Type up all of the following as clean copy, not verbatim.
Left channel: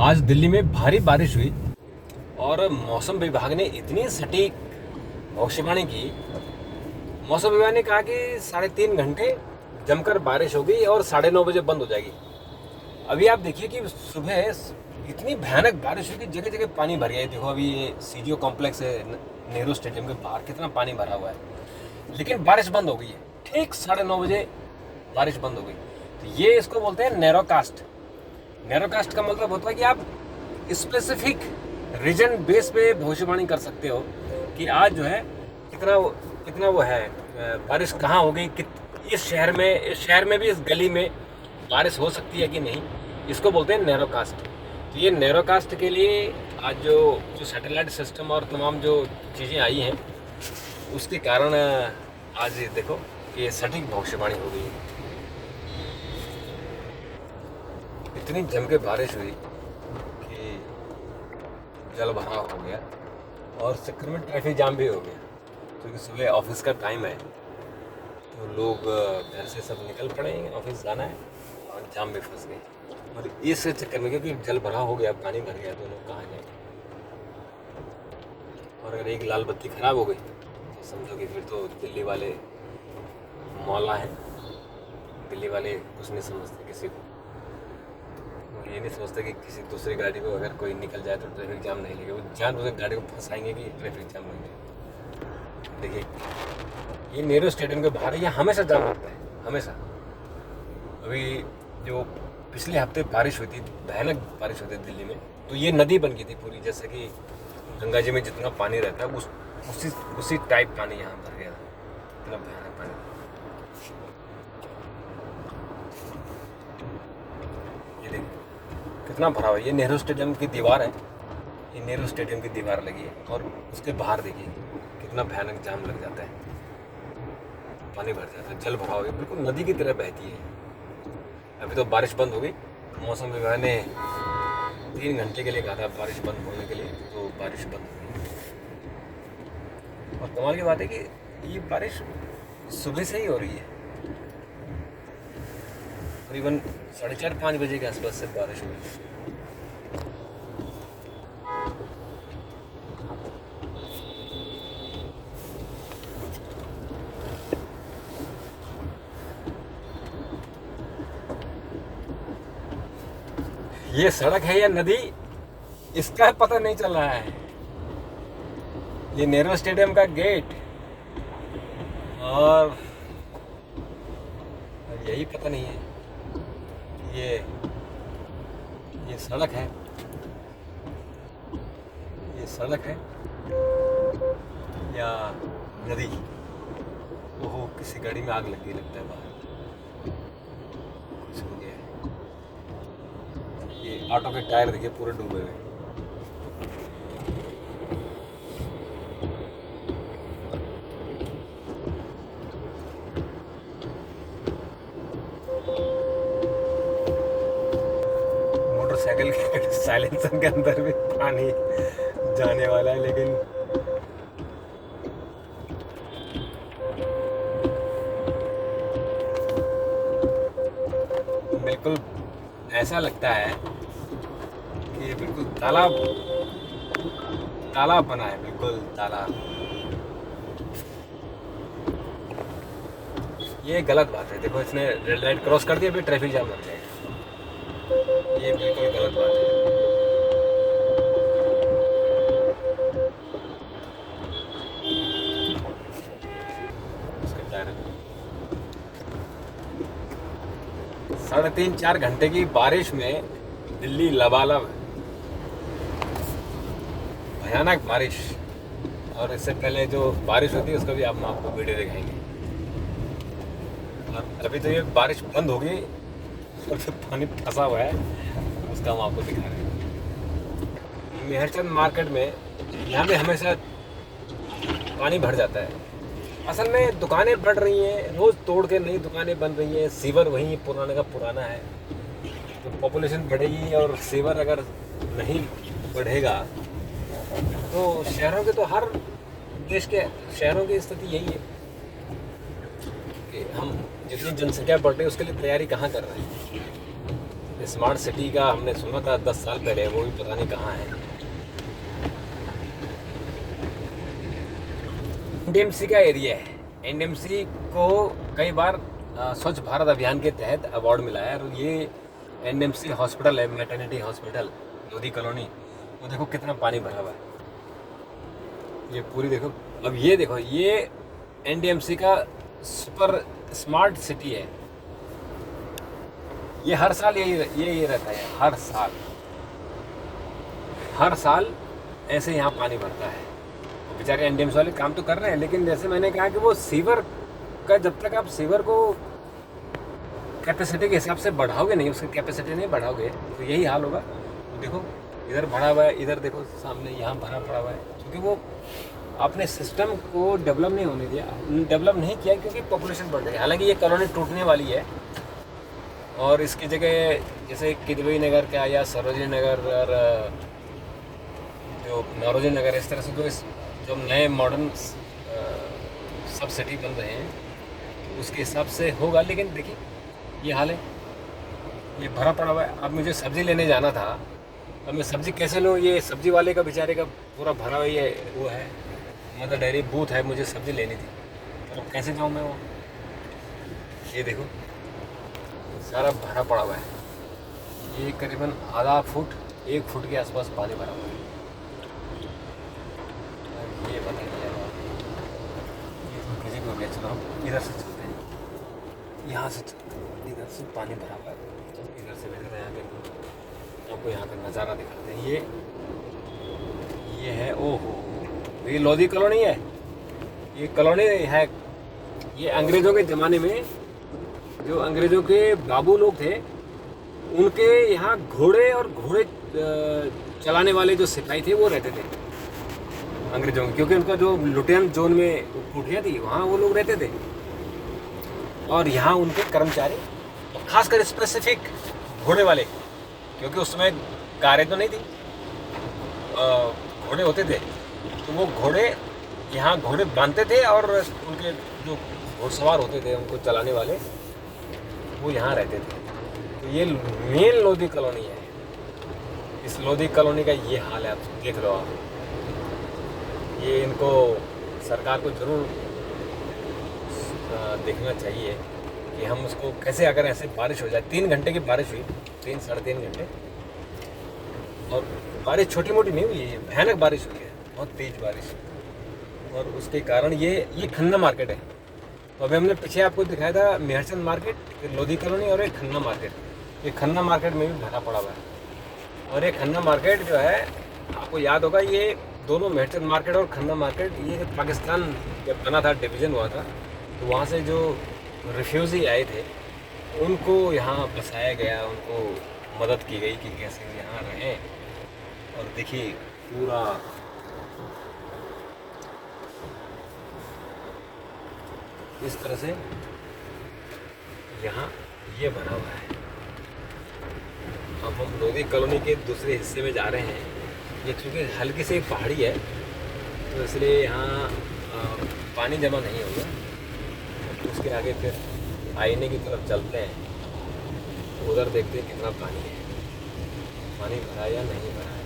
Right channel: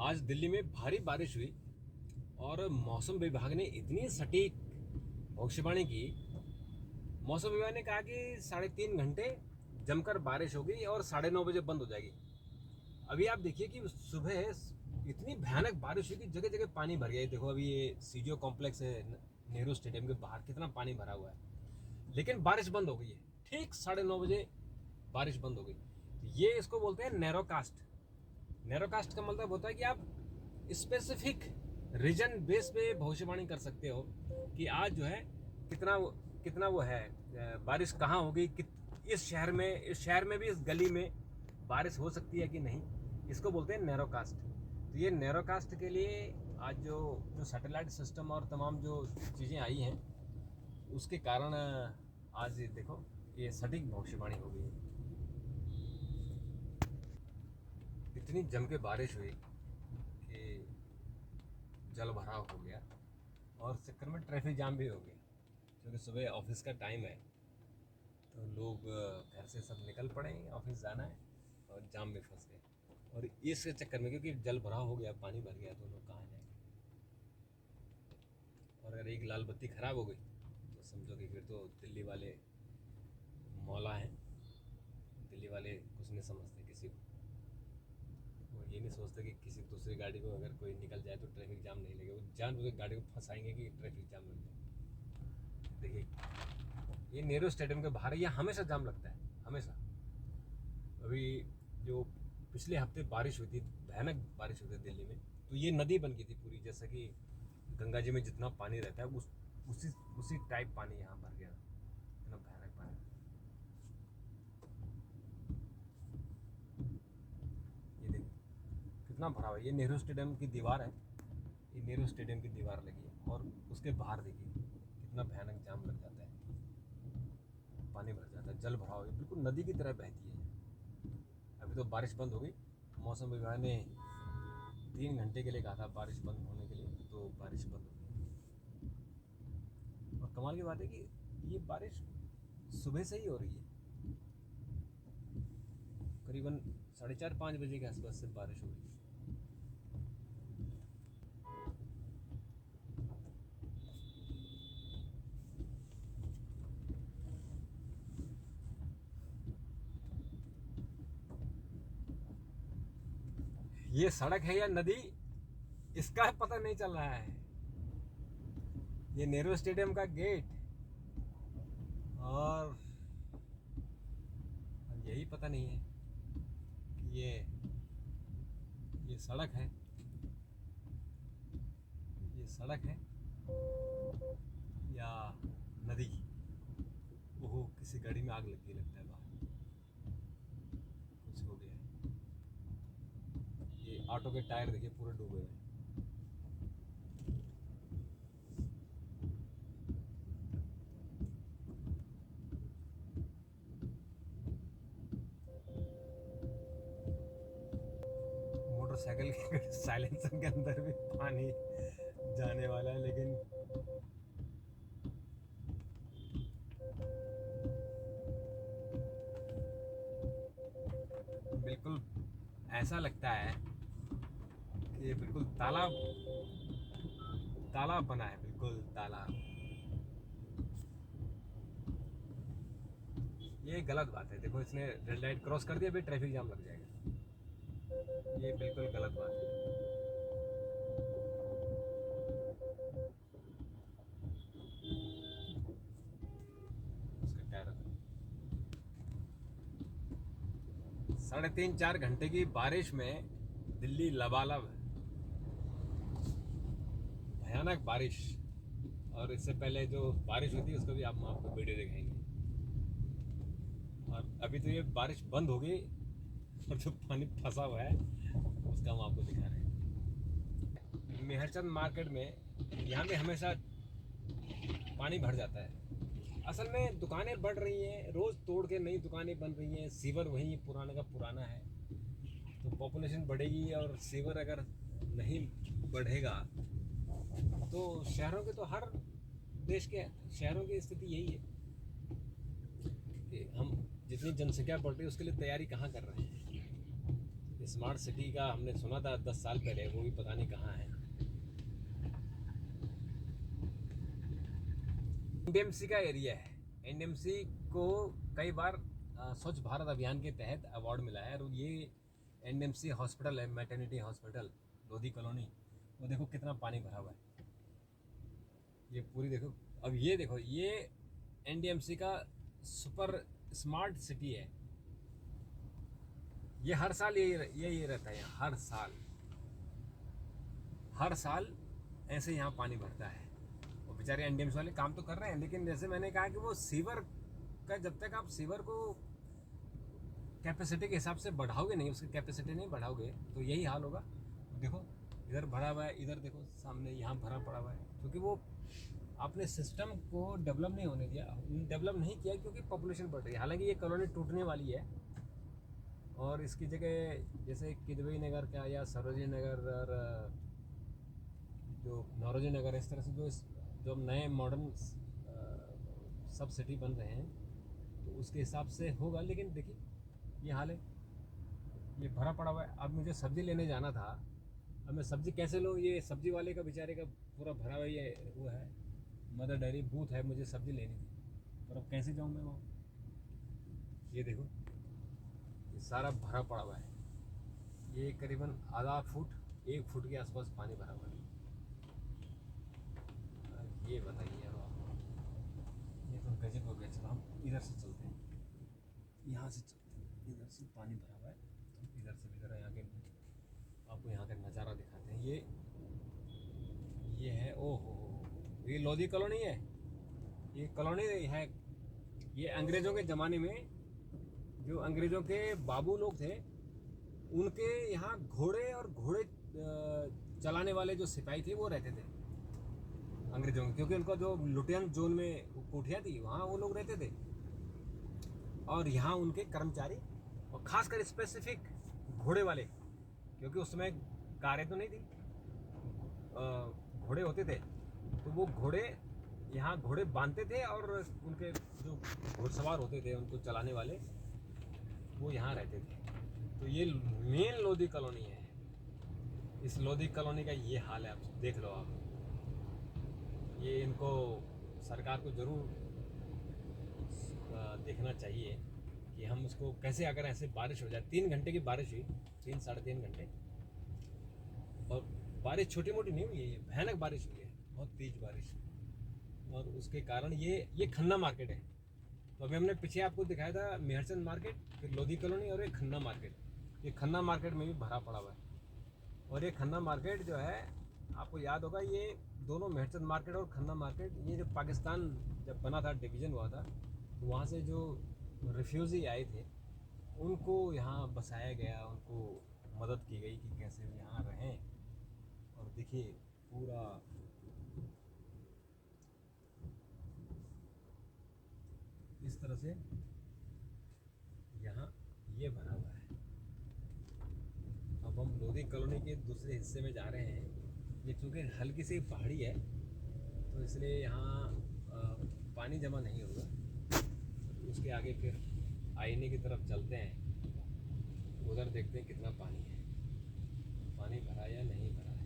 आज दिल्ली में भारी बारिश हुई और मौसम विभाग ने इतनी सटीक भविष्यवाणी की। मौसम विभाग ने कहा कि 3.5 घंटे जमकर बारिश होगी और 9:30 बजे बंद हो जाएगी। अभी आप देखिए कि सुबह इतनी भयानक बारिश हुई कि जगह जगह पानी भर गया है। देखो अभी ये सीजीओ कॉम्प्लेक्स है नेहरू स्टेडियम के बाहर, कितना पानी भरा हुआ है, लेकिन बारिश बंद हो गई है। ठीक 9:30 बजे बारिश बंद हो गई। तो ये इसको बोलते हैं नैरो कास्ट। नैरो कास्ट का मतलब होता है कि आप स्पेसिफिक रीजन बेस पे भविष्यवाणी कर सकते हो कि आज जो है कितना वो है बारिश कहाँ होगी, इस शहर में भी, इस गली में बारिश हो सकती है कि नहीं। इसको बोलते हैं नैरो कास्ट। तो ये नैरो कास्ट के लिए आज जो सैटेलाइट सिस्टम और तमाम जो चीज़ें आई हैं उसके कारण आज देखो ये सटीक भविष्यवाणी हो गई है। इतनी जम के बारिश हुई कि जल भराव हो गया और चक्कर में ट्रैफिक जाम भी हो गया, क्योंकि सुबह ऑफिस का टाइम है तो लोग घर से सब निकल पड़े, ऑफिस जाना है और जाम में फंस गए। और इस चक्कर में क्योंकि जल भरा हो गया, पानी भर गया, तो लोग कहाँ जाएंगे। और अगर एक लाल बत्ती खराब हो गई तो समझो कि फिर तो दिल्ली वाले मौला हैं। दिल्ली वाले कुछ नहीं समझते किसी को, ये नहीं सोचते कि किसी दूसरी गाड़ी को अगर कोई निकल जाए तो ट्रैफिक जाम नहीं लगेगा। वो जानबूझकर गाड़ी को फंसाएंगे कि ट्रैफिक जाम लग जाए। देखिए ये नेहरू स्टेडियम के बाहर ये हमेशा जाम लगता है, हमेशा। अभी जो पिछले हफ्ते बारिश हुई थी, भयानक बारिश हुई थी दिल्ली में, तो ये नदी बन गई थी पूरी, जैसे कि गंगा जी में जितना पानी रहता है उसी टाइप पानी यहाँ भर गया था। इतना भयानक पानी। ये देखिए कितना भरा हुआ है। ये नेहरू स्टेडियम की दीवार है, ये नेहरू स्टेडियम की दीवार लगी है और उसके बाहर देखिए कितना भयानक जाम लग जाता है, पानी भर जाता है, जल भरा हुआ है, बिल्कुल नदी की तरह बहती है। अभी तो बारिश बंद हो गई। मौसम विभाग ने 3 घंटे के लिए कहा था बारिश बंद होने के लिए, तो बारिश बंद हो गई। और कमाल की बात है कि ये बारिश सुबह से ही हो रही है, करीबन 4:30-5 बजे के आसपास से बारिश हुई। ये सड़क है या नदी, इसका पता नहीं चल रहा है। ये नेहरू स्टेडियम का गेट और यही पता नहीं है ये सड़क है, ये सड़क है या नदी। ओहो, किसी गाड़ी में आग लग गई लगता है बाहर, कुछ हो गया है। ये ऑटो के टायर देखिए पूरे डूबे हुए। मोटरसाइकिल के साइलेंसर के अंदर भी पानी जाने वाला है, लेकिन बिल्कुल ऐसा लगता है कि ये बिल्कुल तालाब बना है, बिल्कुल तालाब। ये गलत बात है। देखो इसने रेड लाइट क्रॉस कर दिया, अभी ट्रैफिक जाम लग जाएगा। ये बिल्कुल गलत बात है। 3.5-4 घंटे की बारिश में दिल्ली लबालब, भयानक बारिश। और इससे पहले जो बारिश होती है उसका भी हम आपको वीडियो दिखाएंगे। और अभी तो ये बारिश बंद हो गई और जो पानी फंसा हुआ है उसका हम आपको दिखा रहे हैं। मेहरचंद मार्केट में यहाँ पे हमेशा पानी भर जाता है। असल में दुकानें बढ़ रही हैं, रोज़ तोड़ के नई दुकानें बन रही हैं, सीवर वहीं पुराने का पुराना है। तो पॉपुलेशन बढ़ेगी और सीवर अगर नहीं बढ़ेगा तो शहरों के, तो हर देश के शहरों की स्थिति यही है कि हम जितनी जनसंख्या बढ़ रही है उसके लिए तैयारी कहाँ कर रहे हैं। स्मार्ट सिटी का हमने सुना था 10 साल पहले, वो भी पता नहीं कहाँ है। एनडीएमसी का एरिया है। एनडीएमसी को कई बार स्वच्छ भारत अभियान के तहत अवार्ड मिला है। और ये एनडीएमसी हॉस्पिटल है, मैटरनिटी हॉस्पिटल, लोधी कॉलोनी। वो देखो कितना पानी भरा हुआ है, ये पूरी देखो। अब ये देखो, ये एनडीएमसी का सुपर स्मार्ट सिटी है। ये हर साल यही रहता है, हर साल ऐसे यहाँ पानी भरता है। बेचारे एनडीएमसी वाले काम तो कर रहे हैं, लेकिन जैसे मैंने कहा कि वो सीवर का, जब तक आप सीवर को कैपेसिटी के हिसाब से बढ़ाओगे नहीं, उसकी कैपेसिटी नहीं बढ़ाओगे, तो यही हाल होगा। तो देखो इधर भरा हुआ है, इधर देखो सामने यहाँ भरा पड़ा हुआ है, क्योंकि वो आपने सिस्टम को डेवलप नहीं होने दिया, डेवलप नहीं किया, क्योंकि पॉपुलेशन बढ़ रही है। हालांकि ये कॉलोनी टूटने वाली है और इसकी जगह जैसे किदवई नगर का या सरोजनी नगर और जो नौरोजी नगर, इस तरह से जो नए मॉडर्न सब सिटी बन रहे हैं, तो उसके हिसाब से होगा। लेकिन देखिए ये हाल है, ये भरा पड़ा हुआ है। अब मुझे सब्ज़ी लेने जाना था, अब मैं सब्ज़ी कैसे लूँ? ये सब्ज़ी वाले का बेचारे का पूरा भरा हुआ ये वो है, मदर डेयरी बूथ है, मुझे सब्ज़ी लेनी थी, तो कैसे जाऊँ मैं वो? ये देखो सारा भरा पड़ा हुआ है। ये करीबन आधा फुट 1 फुट के आसपास पानी भरा हुआ है। ये बताइए, किसी को बेच रहा हूँ। इधर से चलते हैं, यहाँ से इधर से पानी भरा हुआ है, इधर से बेच रहे हैं। आपको यहाँ का नज़ारा दिखाते हैं। ये है, ओहो, ये लोधी कॉलोनी है। ये कॉलोनी है, ये अंग्रेज़ों के ज़माने में जो अंग्रेज़ों के बाबू लोग थे, उनके यहाँ घोड़े और घोड़े चलाने वाले जो सिपाही थे वो रहते थे अंग्रेज़ों के, क्योंकि उनका जो लुटियन जोन में कुटिया थी, वहाँ वो लोग रहते थे। और यहाँ उनके कर्मचारी, खासकर स्पेसिफिक घोड़े वाले, क्योंकि उस समय कारें तो नहीं थी, घोड़े होते थे, तो वो घोड़े यहाँ घोड़े बांधते थे और उनके जो घोड़सवार होते थे, उनको चलाने वाले, वो यहाँ रहते थे। तो ये मेन लोधी कॉलोनी है। इस लोधी कॉलोनी का ये हाल है, आप देख लो आप। ये इनको सरकार को ज़रूर देखना चाहिए कि हम उसको कैसे, अगर ऐसे बारिश हो जाए, 3 घंटे की बारिश हुई, 3 साढ़े 3 घंटे, और बारिश छोटी मोटी नहीं हुई है, भयानक बारिश हुई है, बहुत तेज़ बारिश। और उसके कारण ये खन्ना मार्केट है। तो अभी हमने पीछे आपको दिखाया था मेहरचंद मार्केट, फिर लोधी कॉलोनी और एक खन्ना मार्केट। ये खन्ना मार्केट में भी भरा पड़ा हुआ है। और ये खन्ना मार्केट जो है, आपको याद होगा, ये दोनों मेहरचंद मार्केट और खन्ना मार्केट, ये पाकिस्तान जब बना था, डिवीज़न हुआ था, तो वहाँ से जो रिफ्यूज़ी आए थे उनको यहाँ बसाया गया, उनको मदद की गई कि कैसे यहाँ रहें। और देखिए पूरा इस तरह से यहाँ ये बना हुआ है। अब हम लोधी कॉलोनी के दूसरे हिस्से में जा रहे हैं। ये चूँकि हल्की सी पहाड़ी है, तो इसलिए यहाँ पानी जमा नहीं होगा। उसके आगे फिर आईने की तरफ चलते हैं, उधर देखते हैं कितना पानी है, पानी भरा या नहीं भरा है।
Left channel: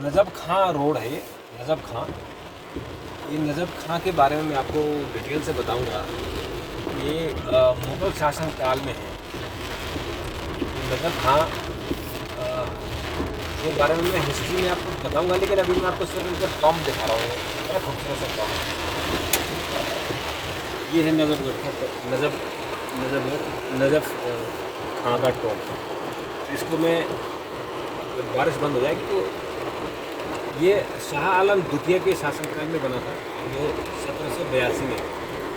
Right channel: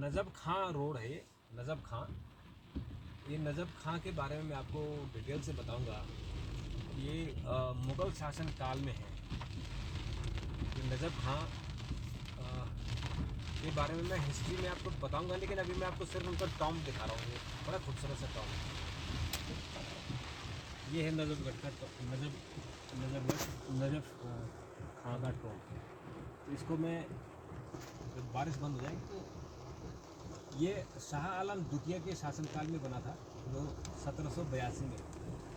नजब खां रोड है ये, नजब खां। ये नजब खां के बारे में मैं आपको डिटेल से बताऊंगा। ये मुग़ल शासन काल में है। नजब खां के बारे में मैं हिस्ट्री में आपको बताऊंगा, लेकिन अभी मैं आपको सिर्फ इनका टॉम्ब दिखा रहा हूँ। बड़ा खूबसूरत सा टॉम्ब। ये है नजब खां का टॉम्ब। इसको मैं, जब बारिश बंद हो जाएगी तो, ये शाह आलम द्वितीय के शासनकाल में बना था, जो 1782 में,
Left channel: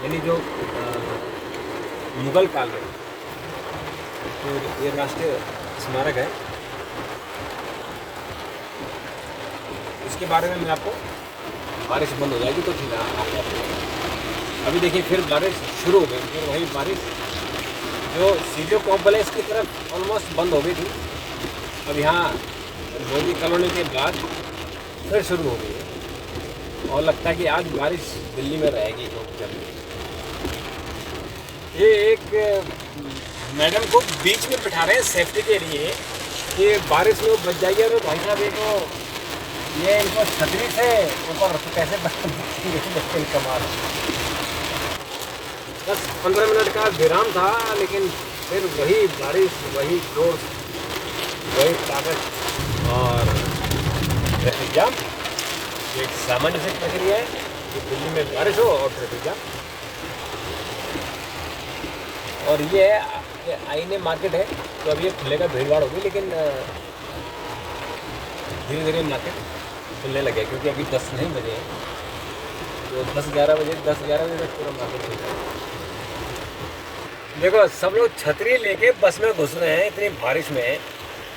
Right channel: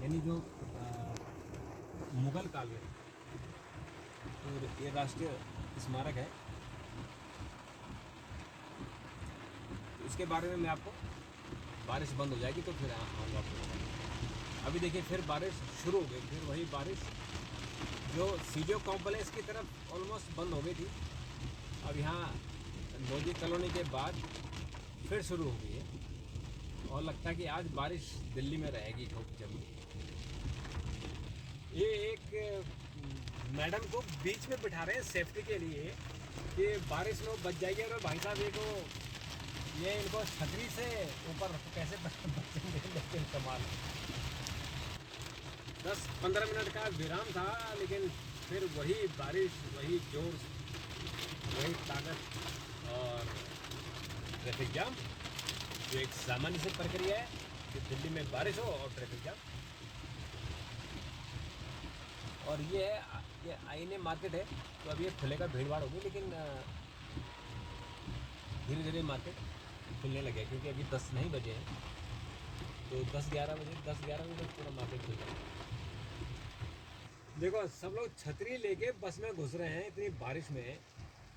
यानी जो मुग़ल काल में। तो ये राष्ट्रीय स्मारक है। इसके बारे में मैं आपको, बारिश बंद हो जाएगी तो फिर आऊँगा। अभी देखिए फिर बारिश शुरू हो गई, फिर वही बारिश जो सीजो कॉम्प्लेक्स की तरफ ऑलमोस्ट बंद हो गई थी, अब यहाँ लोधी कॉलोनी के बाद फिर शुरू हो गई है। और लगता है कि आज बारिश दिल्ली में रहेगी। ये एक मैडम को बीच में बिठा रहे हैं सेफ्टी के लिए कि बारिश में वो बच जाइए। और भाई साहब इनको ये इनको छतरी से ऊपर कैसे बचेंगे कमाल। बस 15 मिनट का विराम था, लेकिन फिर वही बारिश, वही जोश, वही ताकत और ट्रैफिक जाम। ये एक सामान्य सी प्रक्रिया है कि दिल्ली में बारिश हो और ट्रैफिक जाम। और ये आईने मार्केट है, तो अभी ये खुलेगा, भीड़ भाड़ होगी, लेकिन धीरे धीरे मार्केट खुलने लगे क्योंकि अभी 10 नहीं बजे हैं। तो 10-11 बजे तक पूरा मार्केट खुल जाएगा। देखो सब लोग छतरी लेके बस में घुस रहे हैं इतनी बारिश में,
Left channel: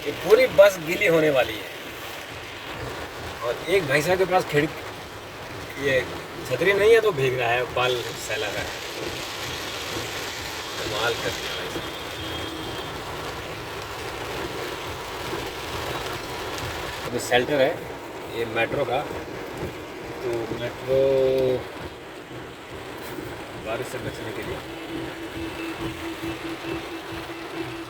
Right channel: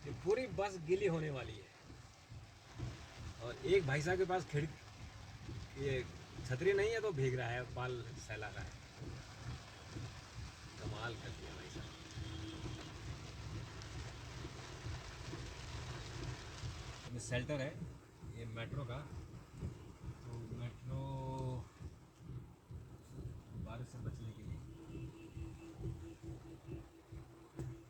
ये पूरी बस गीली होने वाली है। और एक भाई साहब के पास ये छतरी नहीं है तो भीग रहा है, बाल सैला रहा है। कमाल कर दिया भाई साहब। अभी शेल्टर है ये मेट्रो का, तो मेट्रो बारिश से बचने के लिए